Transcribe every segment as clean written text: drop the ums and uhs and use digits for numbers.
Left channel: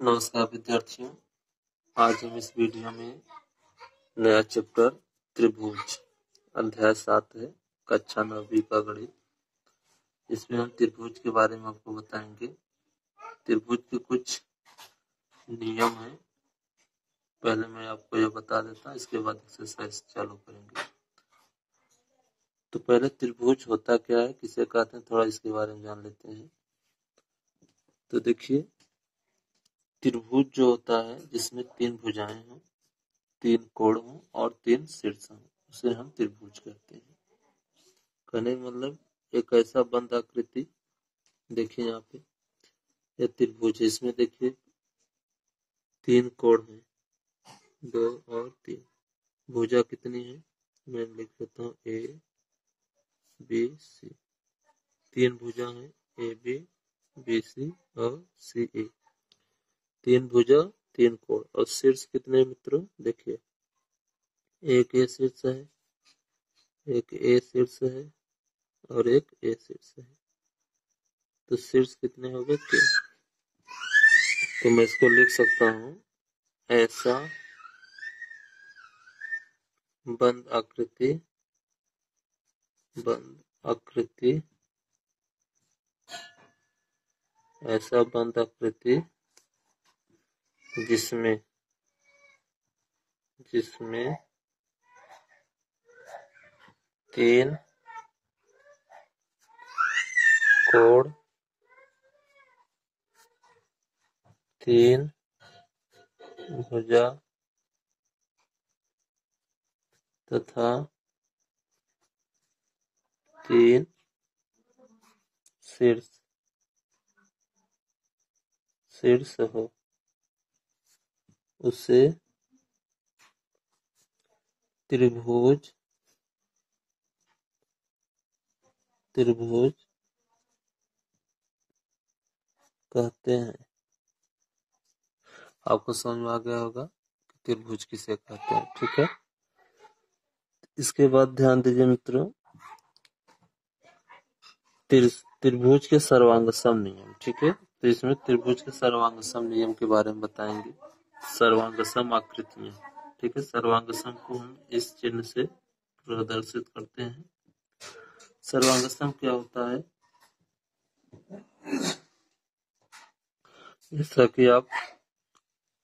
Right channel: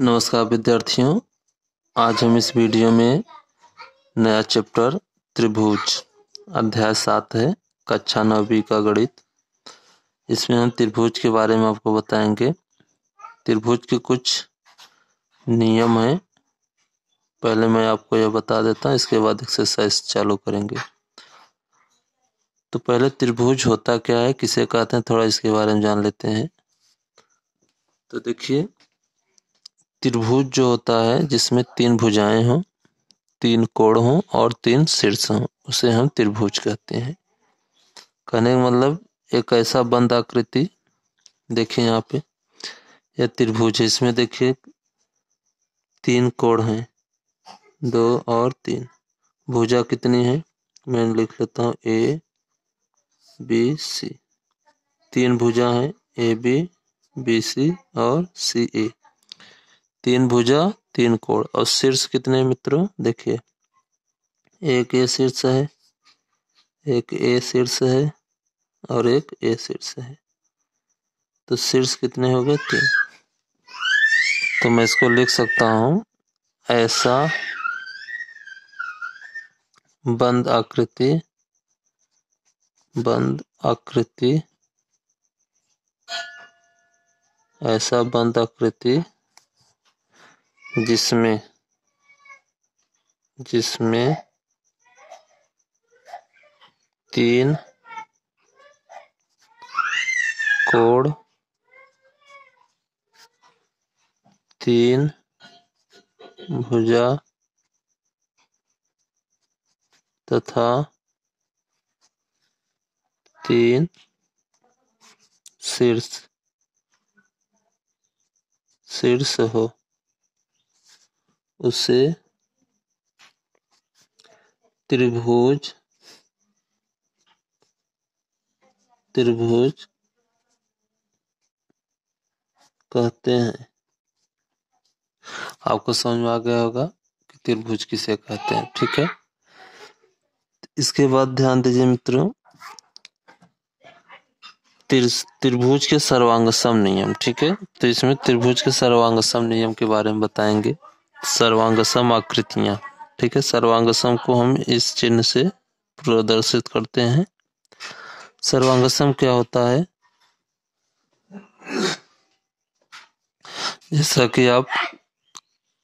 नमस्कार विद्यार्थियों, आज हम इस वीडियो में नया चैप्टर त्रिभुज अध्याय 7 है, कक्षा 9वीं का गणित। इसमें हम त्रिभुज के बारे में आपको बताएंगे। त्रिभुज के कुछ नियम हैं, पहले मैं आपको यह बता देता हूँ, इसके बाद एक्सरसाइज चालू करेंगे। तो पहले त्रिभुज होता क्या है, किसे कहते हैं, थोड़ा इसके बारे में जान लेते हैं। तो देखिए, त्रिभुज जो होता है जिसमें 3 भुजाएं हों, 3 कोण हों और 3 शीर्ष हों, उसे हम त्रिभुज कहते हैं। कहने का मतलब एक ऐसा बंद आकृति, देखिए यहाँ पे यह त्रिभुज है। इसमें देखिए 3 कोण हैं, 2 और 3। भुजा कितनी है, मैं लिख लेता हूँ ए बी सी। 3 भुजा हैं, ए बी सी और सी ए। 3 भुजा 3 कोण। और शीर्ष कितने मित्रों, देखिए एक ए शीर्ष है, एक ए शीर्ष है और एक ए शीर्ष है। तो शीर्ष कितने हो गए, 3। तो मैं इसको लिख सकता हूँ, ऐसा बंद आकृति ऐसा बंद आकृति जिसमें 3 कोण, 3 भुजा तथा 3 शीर्ष हो, उसे त्रिभुज कहते हैं। आपको समझ में आ गया होगा कि त्रिभुज किसे कहते हैं, ठीक है। इसके बाद ध्यान दीजिए मित्रों, त्रिभुज के सर्वांगसम नियम, ठीक है। तो इसमें त्रिभुज के सर्वांगसम नियम के बारे में बताएंगे। सर्वांगसम आकृतियां, ठीक है। सर्वांगसम को हम इस चिन्ह से प्रदर्शित करते हैं। सर्वांगसम क्या होता है, जैसा कि आप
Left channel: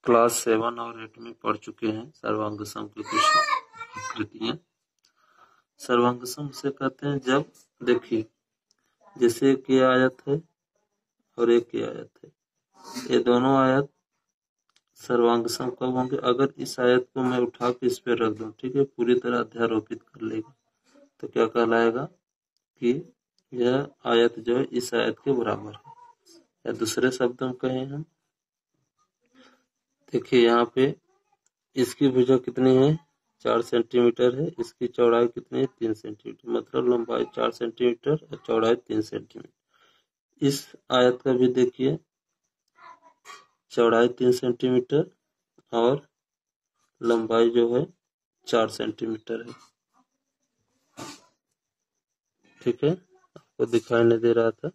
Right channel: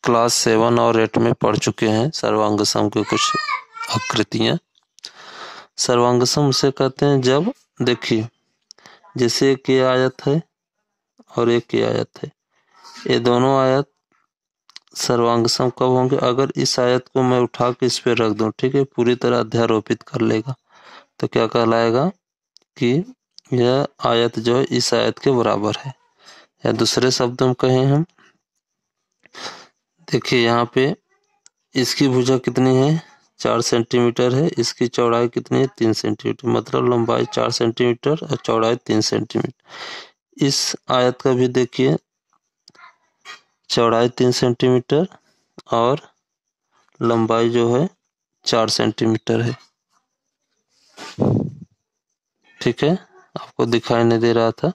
क्लास 7 और 8 में पढ़ चुके हैं। सर्वांगसम के कुछ आकृतियां। सर्वांगसम उसे कहते हैं जब, देखिए जैसे एक ये आयत है और एक ये आयत है, ये दोनों आयत सर्वांगसम कब होंगे, अगर इस आयत को मैं उठा के इस पे रख दूं, ठीक है, पूरी तरह अध्यारोपित कर लेगा, तो क्या कहलाएगा कि यह आयत जो है इस आयत के बराबर है। या दूसरे शब्दों में कहें हम, देखिए यहाँ पे इसकी भुजा कितनी है, 4 सेंटीमीटर है, इसकी चौड़ाई कितनी है, 3 सेंटीमीटर, मतलब लंबाई 4 सेंटीमीटर और चौड़ाई 3 सेंटीमीटर। इस आयत का भी देखिए चौड़ाई 3 सेंटीमीटर और लंबाई जो है 4 सेंटीमीटर है, ठीक है। आपको दिखाई नहीं दे रहा था,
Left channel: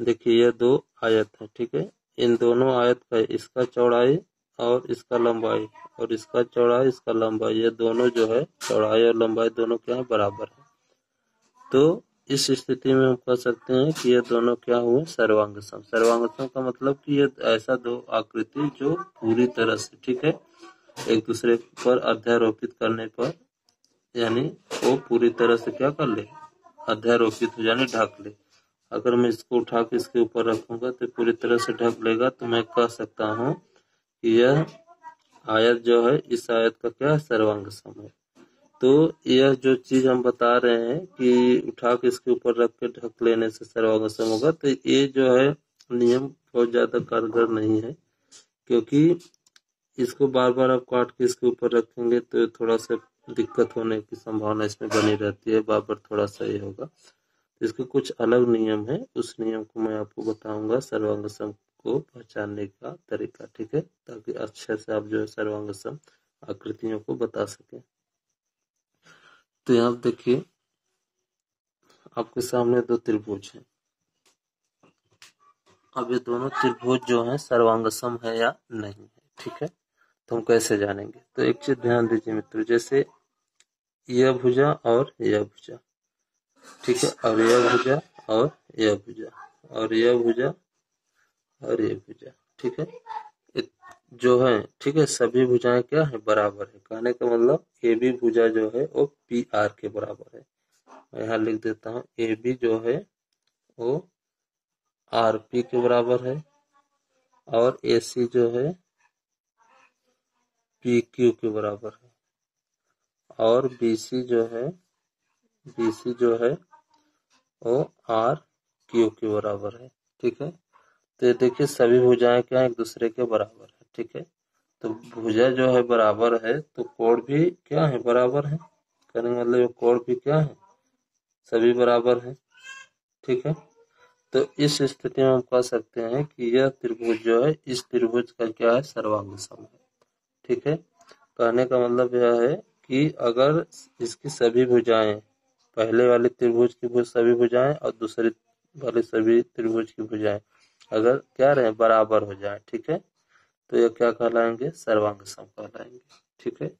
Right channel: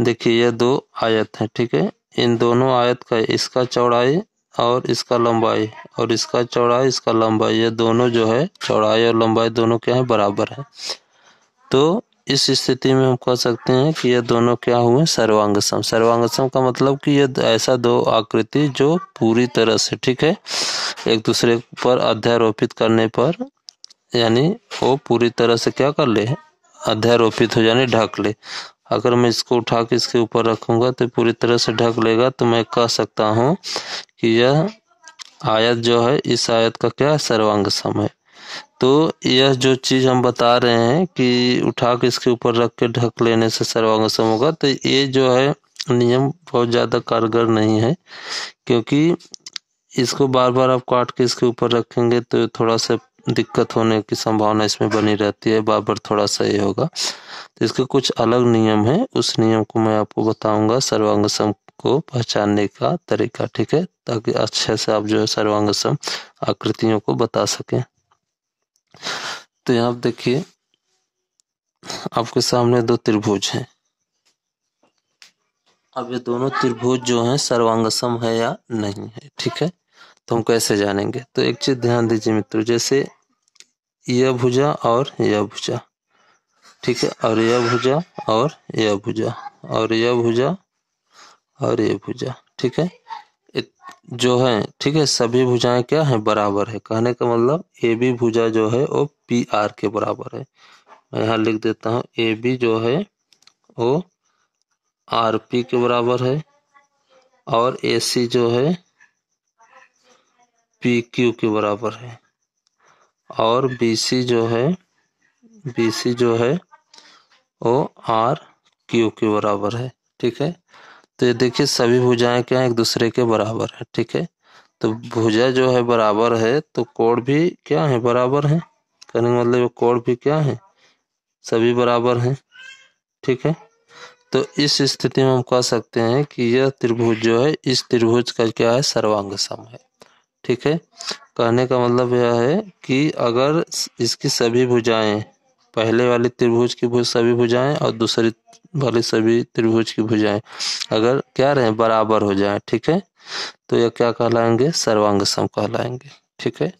देखिए यह 2 आयत है, ठीक है। इन दोनों आयत का, इसका चौड़ाई और इसका लंबाई, और इसका चौड़ाई इसका लंबाई, ये दोनों जो है चौड़ाई और लंबाई दोनों क्या है, बराबर है। तो इस स्थिति में हम कह सकते हैं कि ये दोनों क्या हुए, सर्वांगसम। सर्वांगसम का मतलब कि ये ऐसा 2 आकृति जो पूरी तरह से, ठीक है, एक दूसरे पर अध्यारोपित करने पर, यानी वो पूरी तरह से क्या कर ले, अध्यारोपित हो, यानी ढक ले। अगर मैं इसको उठा के इसके ऊपर रखूंगा तो पूरी तरह से ढक लेगा, तो मैं कह सकता हूँ कि यह आयत जो है इस आयत का क्या है, सर्वांगसम है। तो यह जो चीज हम बता रहे हैं कि उठा के इसके ऊपर रख के ढक लेने से सर्वांगसम होगा, तो ये जो है नियम बहुत ज्यादा कारगर नहीं है, क्योंकि इसको बार बार आप काट के इसके ऊपर रखेंगे तो थोड़ा सा दिक्कत होने की संभावना इसमें बनी रहती है, बार बार थोड़ा सा ये होगा। तो इसके कुछ अलग नियम है, उस नियम को मैं आपको बताऊंगा, सर्वांगसम को पहचानने का तरीका, ठीक है, ताकि अच्छे से आप जो है सर्वांगसम आकृतियों को बता सकें। तो यहाँ देखिए आपके सामने 2 त्रिभुज हैं अब ये दोनों त्रिभुज जो हैं सर्वांगसम है या नहीं है, ठीक है। तो हम कैसे जानेंगे? तो एक चीज ध्यान दीजिए मित्रों, जैसे यह भुजा और यह भुजा, ठीक है, और यह भुजा और यह भुजा और यह भुजा और यह भुजा, ठीक है, जो है, ठीक है, सभी भुजाएं क्या है? बराबर है। कहने का मतलब ए बी भुजा जो है वो पी आर के बराबर है। मैं यहाँ लिख देता हूँ, ए बी जो है वो आर पी के बराबर है और ए सी जो है पी क्यू के बराबर है और बी सी जो है वो आर क्यू के बराबर है, ठीक है। तो ये देखिए सभी भुजाएं क्या है? एक दूसरे के बराबर है, ठीक है। तो भुजा जो है बराबर है तो कोण भी क्या है? बराबर है। कहने का मतलब कोण भी क्या है? सभी बराबर हैं, ठीक है। तो इस स्थिति में हम कह सकते हैं कि यह त्रिभुज जो है इस त्रिभुज का क्या है? सर्वांग सम है, ठीक है। कहने का मतलब यह है कि अगर इसकी सभी भुजाएं, पहले वाली त्रिभुज की सभी भुजाएं और दूसरी वाली सभी त्रिभुज की भुजाएं अगर क्या रहे? बराबर हो जाए, ठीक है, तो यह क्या कहलाएंगे? सर्वांग सम कहलाएंगे, ठीक है।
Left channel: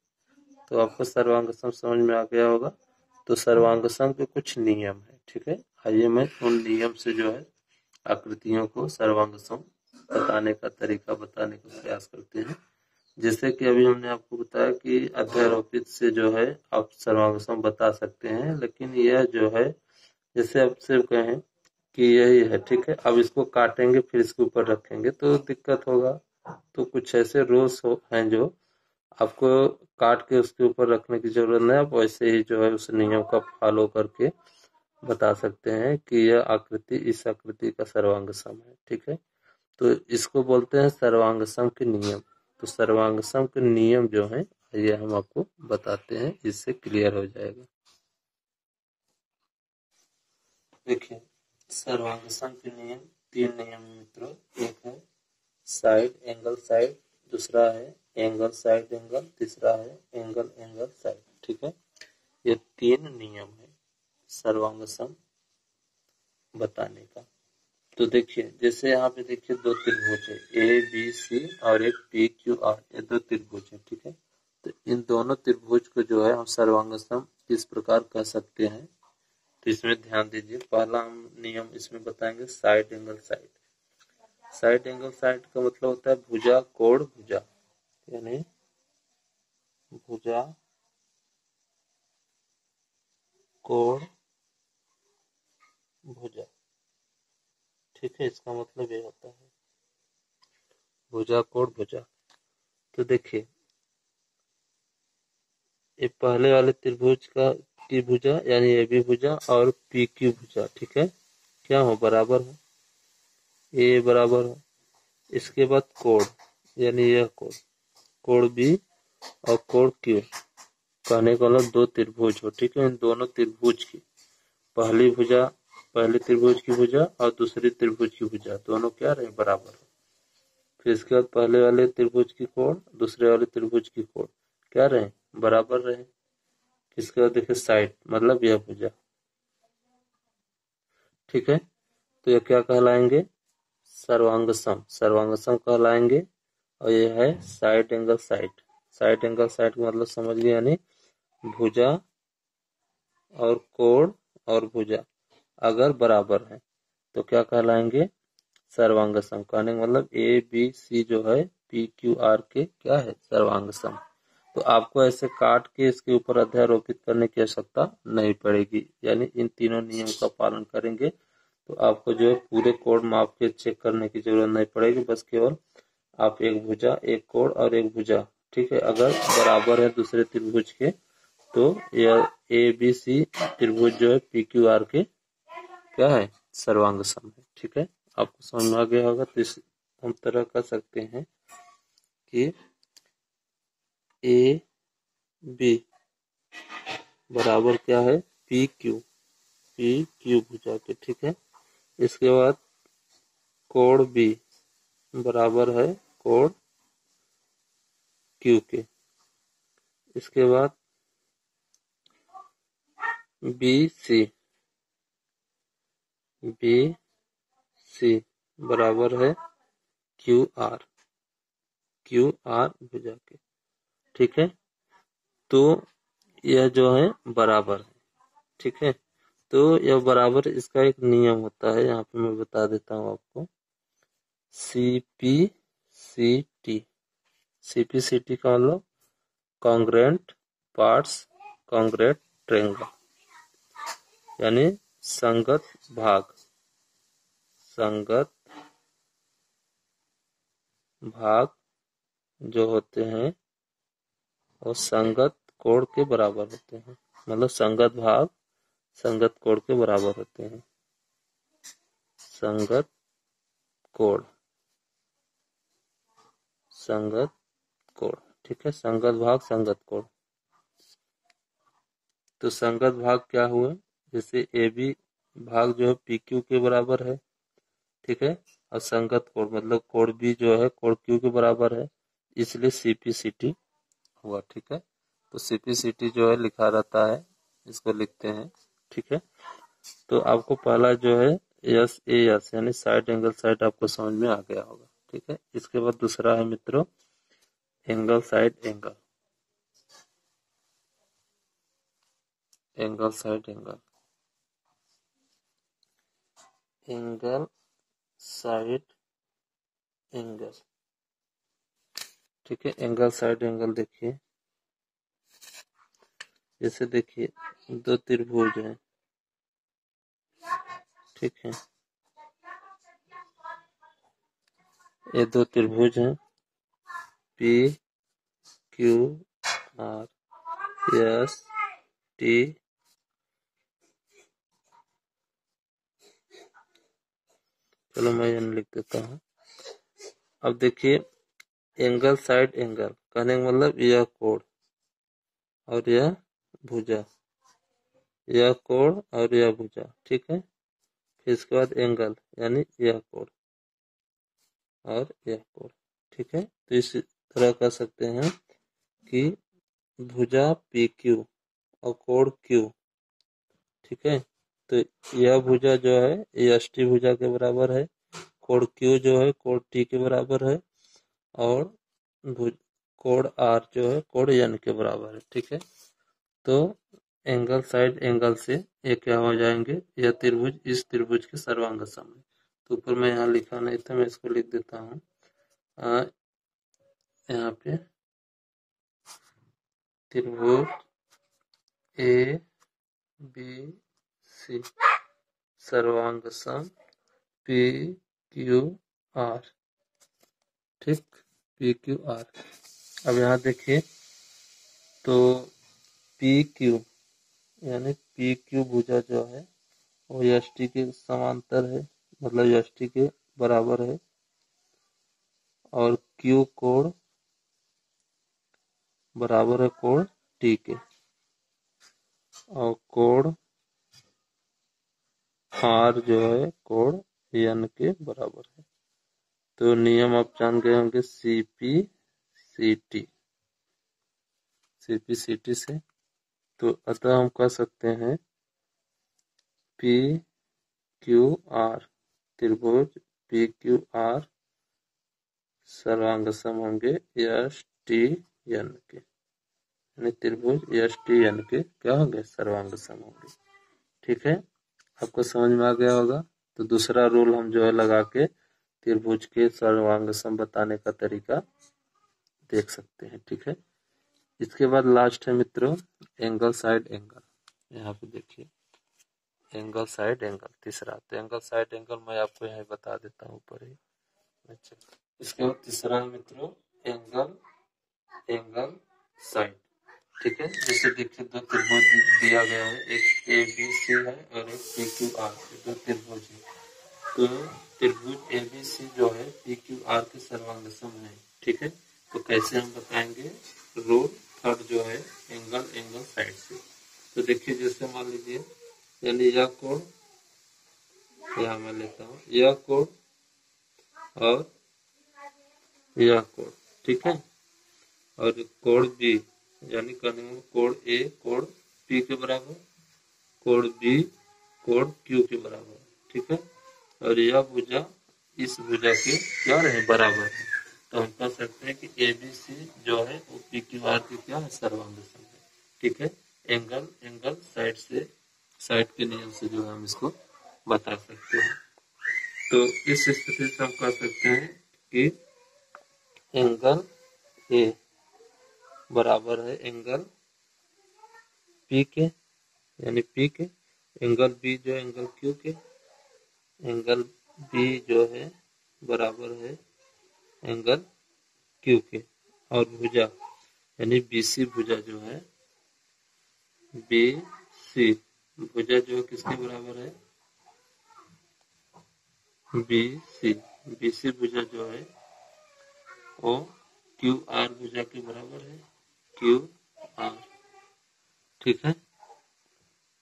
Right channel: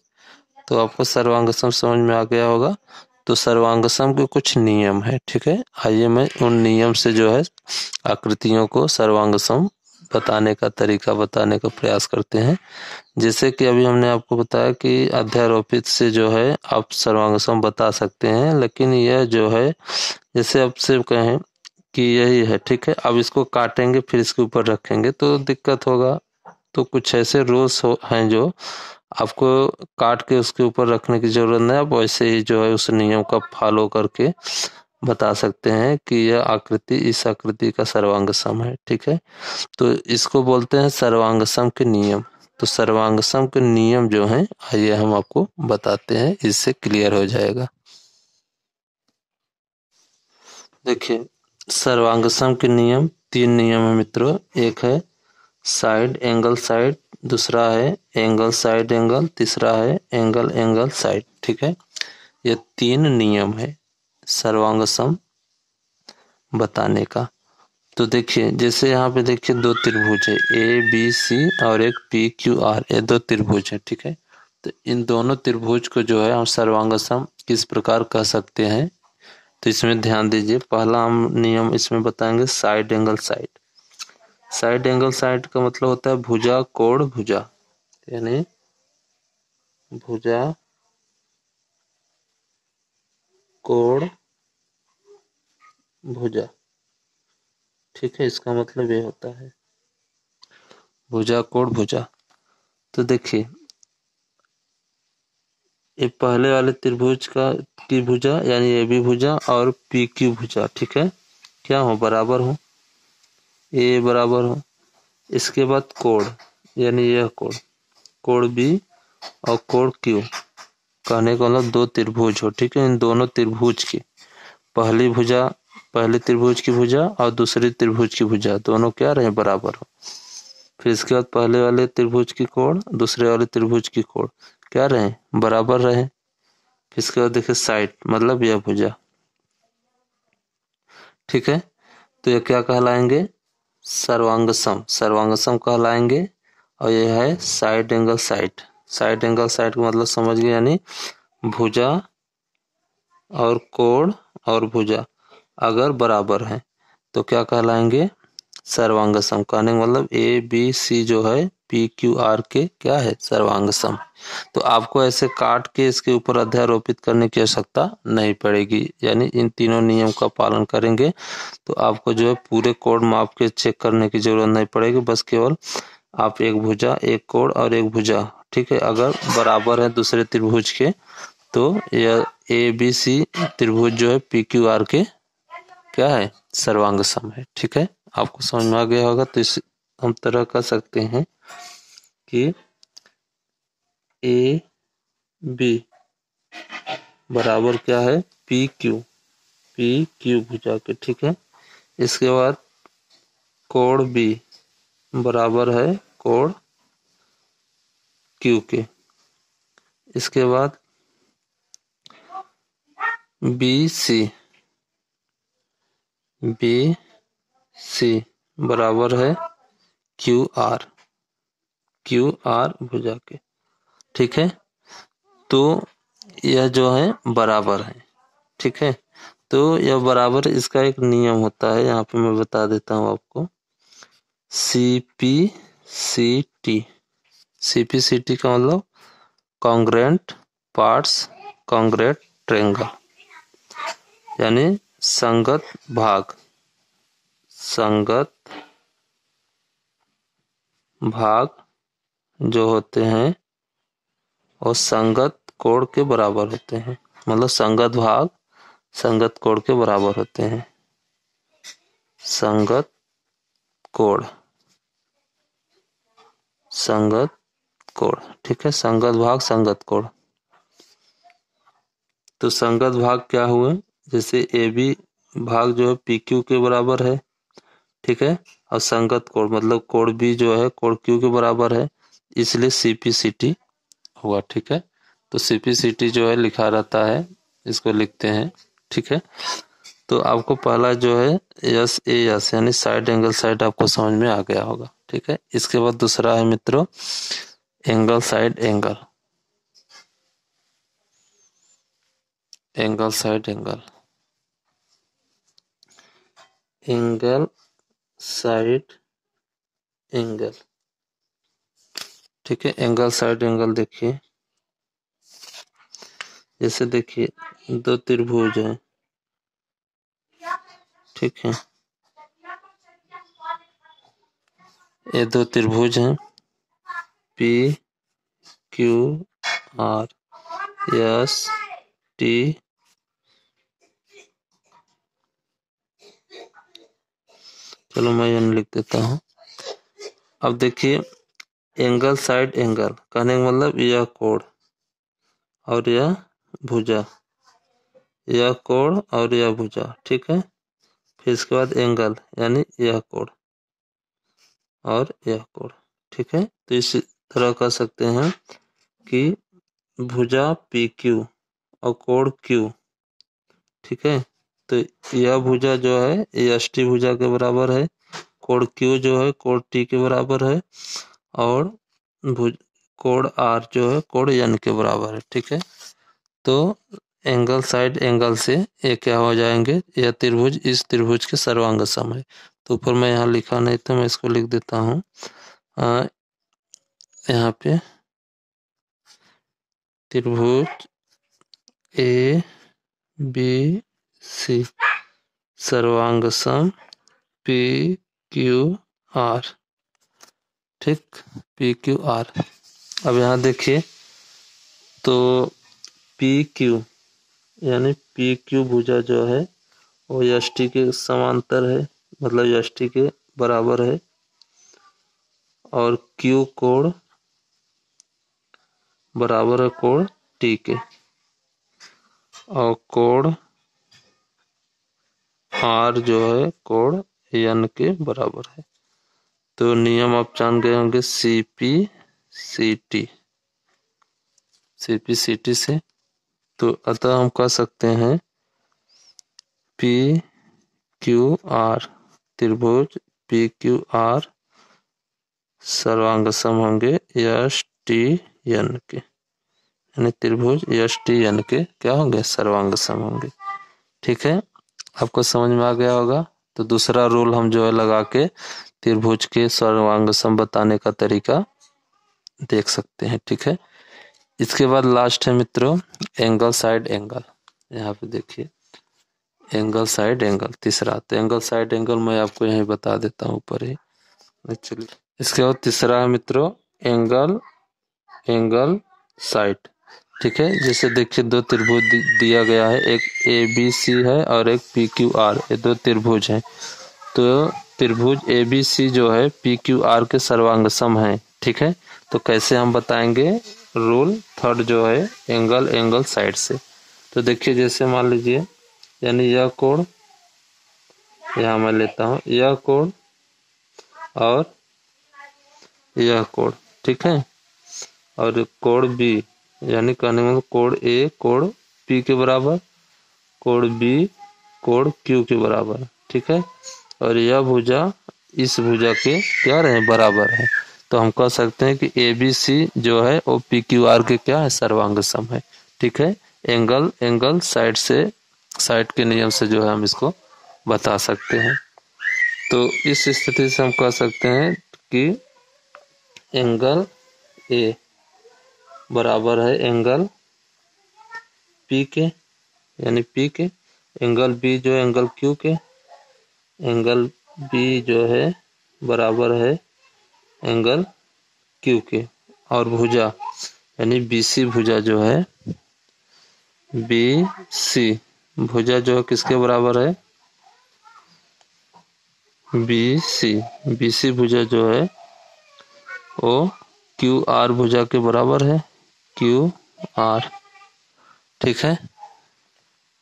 तो आपको सर्वांग सम समझ में आ गया होगा। तो सर्वांग सम के कुछ नियम है, ठीक है। आइए मैं उन नियम से जो है आकृतियों को सर्वांग सम बताने का तरीका बताने का प्रयास करते हैं। जैसे कि अभी हमने आपको बताया कि अध्यारोपित से जो है आप सर्वांग सम बता सकते हैं, लेकिन यह जो है जैसे आपसे कहें कि यही है, ठीक है, अब इसको काटेंगे फिर इसके ऊपर रखेंगे तो दिक्कत होगा। तो कुछ ऐसे रूल्स हैं जो आपको काट के उसके ऊपर रखने की जरूरत नहीं, आप वैसे ही जो है उस नियम का फॉलो करके बता सकते हैं कि यह आकृति इस आकृति का सर्वांग सम है, ठीक है। तो इसको बोलते हैं सर्वांग सम के नियम। तो सर्वांग सम के नियम जो हैं आइए हम आपको बताते हैं, इससे क्लियर हो जाएगा। देखिए सर्वांग सम के नियम 3 नियम है मित्रों। एक है साइड एंगल साइड, दूसरा है एंगल साइड एंगल, तीसरा है एंगल एंगल साइड, ठीक है। ये 3 नियम है सर्वांग सम बताने का। तो देखिए जैसे यहाँ पे देखिए 2 त्रिभुज है ए बी सी और एक पी क्यू आर, ये 2 त्रिभुज है, ठीक है। तो इन दोनों त्रिभुज को जो है हम सर्वांग सम किस प्रकार कह सकते हैं? तो इसमें ध्यान दीजिए, पहला हम नियम इसमें बताएंगे side angle side. Side angle side का मतलब होता है भुजा कोण भुजा, यानी भुजा कोण भुजा, ठीक है, इसका मतलब ये होता है भुजा कोण भुजा। तो देखिए ये पहले वाले त्रिभुज का की भुजा यानी ए बी भुजा और पी क्यू भुजा, ठीक है, क्या हो? बराबर हो, ए बराबर हो। इसके बाद कोण यानी यह कोण, कोण बी और कोण क्यू, कहने का मतलब 2 त्रिभुज हो, ठीक है। इन दोनों त्रिभुज की पहली भुजा, पहले त्रिभुज की भुजा और दूसरी त्रिभुज की भुजा दोनों क्या रहे? बराबर हो। फिर इसके बाद पहले वाले त्रिभुज की कोण दूसरे वाले त्रिभुज की कोण क्या रहे? बराबर रहे। फिर इसके बाद देखिए साइड मतलब यह भुजा, ठीक है। तो ये क्या कहलाएंगे? सर्वांग सम, सर्वांग सम कहलाएंगे। और यह है side angle side. Side angle side का मतलब समझ गए, यानी भुजा और कोण और भुजा अगर बराबर है तो क्या कहलाएंगे? सर्वांग सम। कहने का मतलब ए बी सी जो है पी क्यू आर के क्या है? सर्वांग सम। तो आपको ऐसे काट के इसके ऊपर अध्यारोपित करने की आवश्यकता नहीं पड़ेगी, यानी इन तीनों नियम का पालन करेंगे तो आपको जो है पूरे कोण माप के चेक करने की जरूरत नहीं पड़ेगी। बस केवल आप एक भुजा एक कोण और एक भुजा, ठीक है, अगर बराबर है दूसरे त्रिभुज के तो यह ए बी सी त्रिभुज जो है पी क्यू आर के क्या है? सर्वांग सम है, ठीक है। आपको समझ में आ गया होगा। तो इस हम तरह कर सकते हैं कि ए बी बराबर क्या है? पी क्यू भुजा के, ठीक है। इसके बाद कोण बी बराबर है कोण क्यू के। इसके बाद बी सी बराबर है क्यू आर भुजा के। ठीक है, तो यह जो है बराबर है। ठीक है, तो यह बराबर, इसका एक नियम होता है, यहाँ पे मैं बता देता हूँ आपको। CPCT, CPCT का मतलब कॉन्ग्रुएंट पार्ट्स कॉन्ग्रुएंट ट्रायंगल, यानी संगत भाग जो होते हैं और संगत कोण के बराबर होते हैं। मतलब संगत भाग संगत कोण के बराबर होते हैं। संगत कोण ठीक है, संगत भाग संगत कोण। तो संगत भाग क्या हुए, जैसे AB भाग जो है PQ के बराबर है। ठीक है, और संगत कोण मतलब कोण B जो है कोण Q के बराबर है, इसलिए CPCT हुआ। ठीक है, तो CPCT जो है लिखा रहता है, इसको लिखते हैं। ठीक है, तो आपको पहला जो है SAS यानी साइड एंगल साइड आपको समझ में आ गया होगा। ठीक है, इसके बाद दूसरा है मित्रों angle side angle. Angle side angle, angle side angle. ठीक है, एंगल साइड एंगल देखिए, जैसे देखिए दो त्रिभुज है। ठीक है, ये दो त्रिभुज हैं PQRST। चलो मैं यहाँ लिख देता हूँ। अब देखिए एंगल साइड एंगल कहने का मतलब यह कोण और यह भुजा, यह कोण और यह भुजा। ठीक है, फिर इसके बाद एंगल यानी यह कोण और यह कोण। ठीक है, तो इस तरह कर सकते हैं कि भुजा PQ और कोण Q। ठीक है, तो यह भुजा जो है ये ST भुजा के बराबर है, कोण Q जो है कोण T के बराबर है, और कोण R जो है कोण N के बराबर है। ठीक है, तो एंगल साइड एंगल से ये क्या हो जाएंगे, यह त्रिभुज इस त्रिभुज के सर्वांग सम है। तो ऊपर मैं यहाँ लिखा नहीं तो मैं इसको लिख देता हूँ यहाँ पे त्रिभुज ABC सर्वांग सम PQR। ठीक, PQR। अब यहाँ देखिए तो PQ यानी PQ भुजा जो है वो ST के समांतर है, मतलब ST के बराबर है, और Q कोण बराबर है कोण T के, और कोण R जो है कोण N के बराबर है। तो नियम आप जान गए होंगे CPCT से। तो अतः हम कह सकते हैं PQR त्रिभुज PQR सर्वांग सम होंगे STN के, यानी त्रिभुज STN के क्या होंगे, सर्वांग सम होंगे। ठीक है, आपको समझ में आ गया होगा। तो दूसरा रूल हम जो है लगा के त्रिभुज के सर्वांग सम बताने का तरीका देख सकते हैं। ठीक है, इसके बाद लास्ट है मित्रों एंगल साइड एंगल। यहाँ पे देखिए एंगल साइड एंगल तीसरा। तो एंगल साइड एंगल मैं आपको यहीं बता देता हूँ ऊपर ही। चलिए, इसके बाद तीसरा है मित्रों एंगल साइड। ठीक है, जैसे देखिए दो त्रिभुज दिया गया है, एक ABC है और एक PQR, ये दो त्रिभुज हैं। तो त्रिभुज ABC जो है PQR के सर्वांग सम है। ठीक है, तो कैसे हम बताएंगे, रूल थर्ड जो है एंगल साइड से। तो देखिए जैसे मान लीजिए, यानी यह कोण, यहाँ मैं लेता हूँ यह कोण और यह कोण। ठीक है, और कोण B यानी कहने में कोण A कोण P के बराबर, कोण B कोण Q के बराबर। ठीक है, और यह भुजा इस भुजा के क्या रहे, बराबर है। तो हम कह सकते हैं कि ABC जो है वो PQR के क्या है, सर्वांग सम है। ठीक है, एंगल साइड के नियम से जो है हम इसको बता सकते हैं। तो इस स्थिति से हम कह सकते हैं कि एंगल A बराबर है एंगल P के, यानी P के, एंगल B जो है एंगल Q के, एंगल B जो है बराबर है एंगल Q के, और भुजा यानी BC भुजा जो है, BC भुजा जो है किसके बराबर है, BC भुजा जो है वो QR भुजा के बराबर है, QR। ठीक है,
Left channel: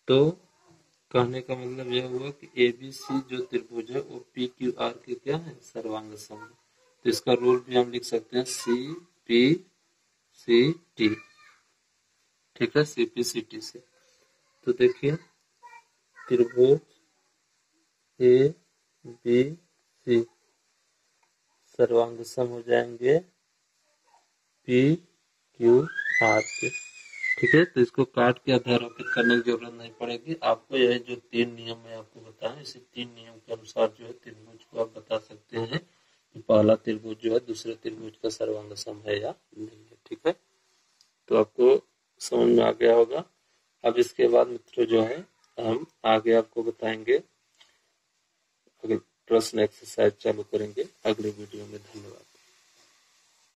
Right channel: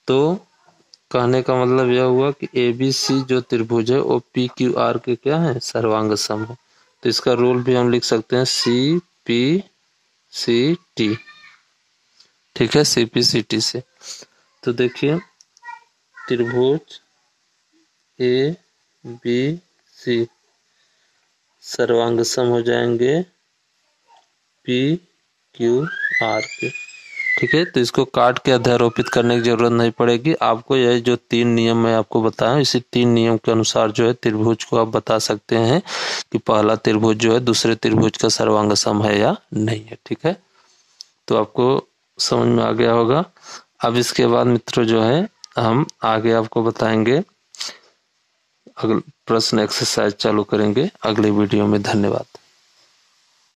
तो कहने का मतलब यह हुआ कि ABC जो त्रिभुज है वो PQR के क्या है, सर्वांग सम है। तो इसका रूल भी हम लिख सकते हैं CPCT। ठीक है, CPCT से। तो देखिए त्रिभुज ABC सर्वांग सम हो जाएंगे PQR के। ठीक है, तो इसको काट के अध्यारोपित करने की जरूरत नहीं पड़ेगी आपको। यह जो 3 नियम मैं आपको बताया, इसी 3 नियम के अनुसार जो है त्रिभुज को आप बता सकते हैं कि पहला त्रिभुज जो है दूसरे त्रिभुज का सर्वांग सम है या नहीं है। ठीक है, तो आपको समझ में आ गया होगा। अब इसके बाद मित्रों जो है हम आगे आपको बताएंगे, अगले प्रश्न एक्सरसाइज चालू करेंगे अगले वीडियो में। धन्यवाद।